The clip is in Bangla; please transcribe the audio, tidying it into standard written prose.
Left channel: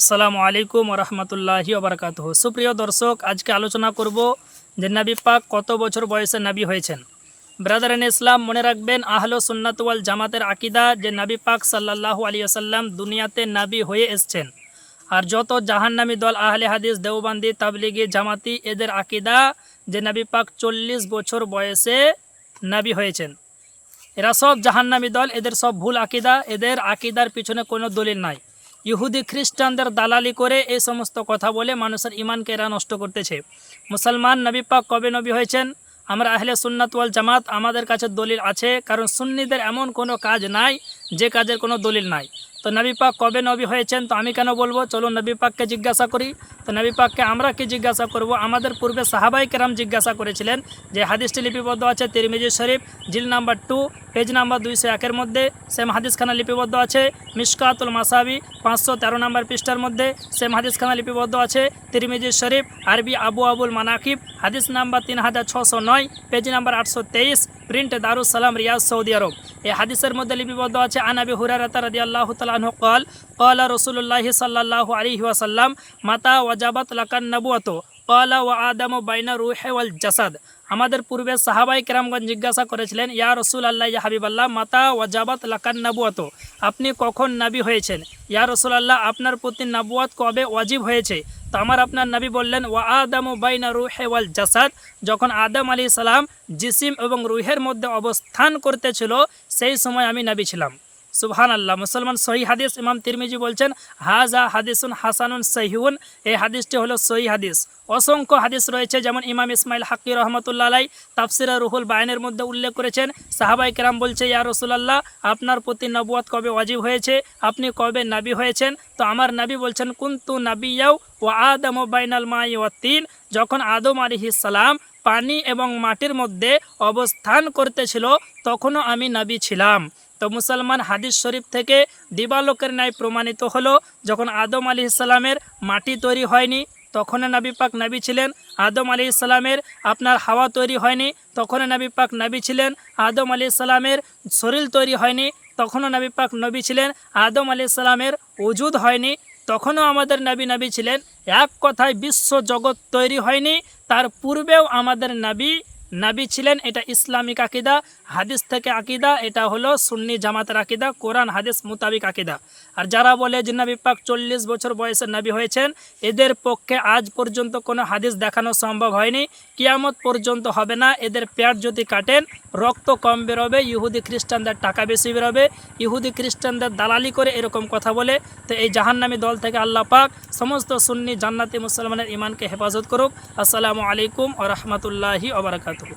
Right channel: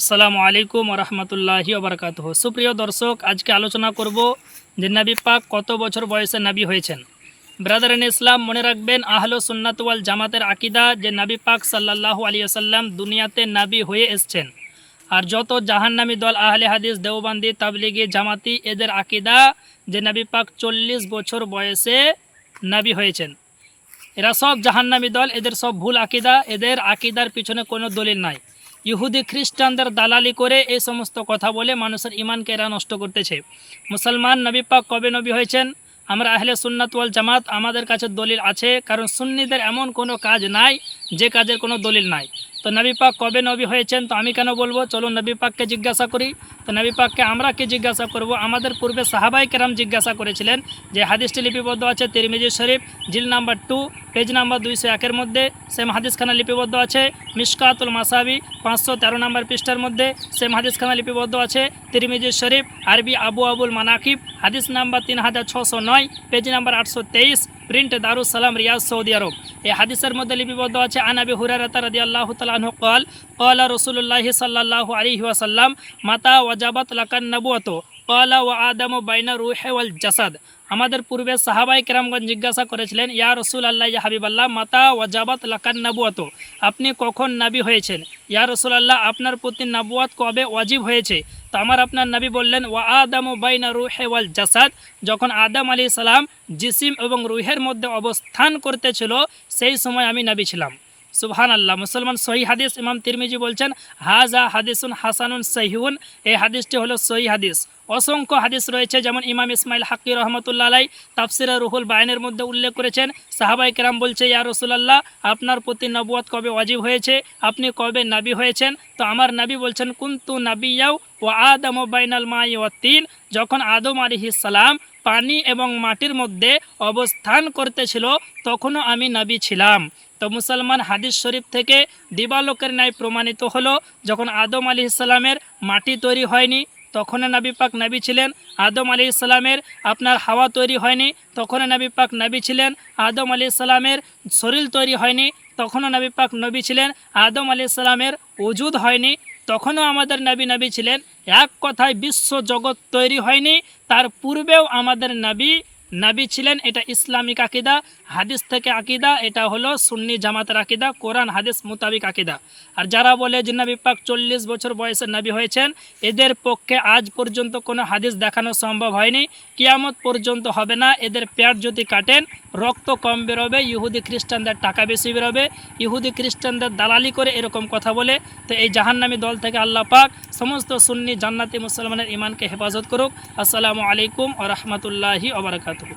আসসালামু আলাইকুম রহমতুল্লাহি ওবরাকাতুহু। সুপ্রিয় দর্শক, আজকে আলোচনা করব যে নবী পাক কত বছর বয়সে নবী হয়েছেন। ব্রাদারান ইসলাম, মনে রাখবেন আহলে সুন্নাত ওয়াল জামাতের আকিদা যে নবী পাক সাল্লাল্লাহু আলাইহি ওয়াসাল্লাম দুনিয়াতে নবী হয়ে এসেছেন। আর যত জাহান্নামী দল আহলে হাদিস, দেওবন্দি, তাবলিগি, জামাতি, এদের আকিদা যে নবী পাক 40 বছর বয়সে নবী হয়েছেন। এরা সব জাহান্নামী দল, এদের সব ভুল আকিদা, এদের আকিদার পিছনে কোনো দলিল নাই। ইহুদি খ্রিস্টানদের দালালি করে এই সমস্ত কথা বলে মানুষের ইমানকে এরা নষ্ট করতেছে। মুসলমান নবী পাক কবে নবী হয়েছেন? আমরা আহলে সুন্নাত ওয়াল জামাত, আমাদের কাছে দলিল আছে, কারণ সুন্নিদের এমন কোনো কাজ নাই যে কাজের কোনো দলিল নাই। তো নবী পাক কবে নবী হয়েছেন তো আমি কেন বলবো? চলুন নবী পাককে জিজ্ঞাসা করি। তো নবী পাককে আমরা কি জিজ্ঞাসা করব? আমাদের পূর্বে সাহাবাই কেরাম জিজ্ঞাসা করেছিলেন। যে হাদিসটি লিপিবদ্ধ আছে তিরমিজি শরীফ, জিল নাম্বার 2, পেজ নাম্বার 201 মধ্যে। সেম হাদিসখানা লিপিবদ্ধ আছে মিশকাতুল মাসাবি 513 নম্বর পৃষ্ঠার মধ্যে। সেম হাদিসখানা লিপিবদ্ধ আছে তিরমিজি শরীফ, আরবি আবুল মানাকিব, হাদিস number 3609, page number 823, print Darus Salam, Riyad, Saudi আরব। এই হাদিসের মধ্যে লিপিবদ্ধ আছে আন আবি হুরায়রা রাদিয়াল্লাহু তাআলা আনহু قال قال رسول الله صلى الله عليه وسلم متى وجبت لك النبوة قال وآدم بين الروح والجسد। আমাদের পূর্বে সাহাবাই কেরামগণ জিজ্ঞাসা করেছিলেন, ইয়া রাসূলুল্লাহ, ইয়া হাবিবাল্লাহ, মাতা ওয়াজাবাত লাকান নবুয়াত, আপনি কখন নবী হয়েছেন? ইয়া রাসূলুল্লাহ, আপনার প্রতি নবুয়াত কবে ওয়াজিব হয়েছে? তো আপনার নবী বললেন, ওয়া আদামু বাইনা রুহি ওয়াল জাসাদ, যখন আদম আলাইহিস সালাম জিসিম এবং রুহের মধ্যে অবস্থান করতেছিল সেই সময় আমি নবী ছিলাম। সুবহানাল্লাহ। মুসলমান, সহি হাদিস। ইমাম তিরমিজি বলছেন হাজা হাদিসুন হাসানুন সহিহুন, এই হাদিসটি হলো সহি হাদিস। অসংখ্য হাদিস রয়েছে, যেমন ইমাম ইসমাইল হাক্কি রহমতুল্লাহ আলাই তাফসিরে রুহুল বায়ানের মধ্যে উল্লেখ করেছেন। সাহাবাই কেরাম বলছে, ইয়া রাসূলুল্লাহ, আপনার প্রতি নবুয়ত কবে ওয়াজিব হয়েছে? আপনি কবে নবী হয়েছেন? তো আমার নবী বলছেন, কুনতু নাবিয়্যাও ওয়া আদামু বাইনাল মাই ওয়াত তিন, যখন আদম আলাইহিস সালাম পানি এবং মাটির মধ্যে অবস্থান করতেছিল তখনও আমি নবী ছিলাম। তো মুসলমান, হাদিস শরীফ থেকে দিবালোকের ন্যায় প্রমাণিত হলো, যখন আদম আলাইহিস সালামের মাটি তৈরি হয়নি তখনও নবী পাক নবী ছিলেন। আদম আলাইহিস সালামের আপনার হাওয়া তৈরি হয়নি তখনও নবী পাক নবী ছিলেন। আদম আলাইহিস সালামের শরীর তৈরি হয়নি তখনও নবী পাক নবী ছিলেন। আদম আলাইহিস সালামের ওজুদ হয়নি তখনও আমাদের নবী ছিলেন। এক কথায় বিশ্ব জগৎ তৈরি হয়নি তার পূর্বেও আমাদের নবী ছিলেন। এটা ইসলামিক আকিদা, হাদিস থেকে আকিদা, এটা হলো সুন্নি জামাতের আকিদা, কোরআন হাদিস মোতাবিক আকিদা। আর যারা বলে যে নবী পাক 40 বছর বয়সে নবী হয়েছেন, এদের পক্ষে আজ পর্যন্ত কোনো হাদিস দেখানো সম্ভব হয়নি, কিয়ামত পর্যন্ত হবে না। এদের পেট যদি কাটেন রক্ত কম বেরোবে, ইহুদি খ্রিস্টানদের টাকা বেশি বেরোবে, ইহুদি খ্রিস্টানদের দালালি করে এরকম কথা বলে। তো এই জাহান্নামী দল থেকে আল্লাহ পাক সমস্ত সুন্নি জান্নাতি মুসলমানের ইমানকে হেফাজত করুক। আসসালামু আলাইকুম ওয়া রাহমাতুল্লাহি ওয়া বারাকাতুহু।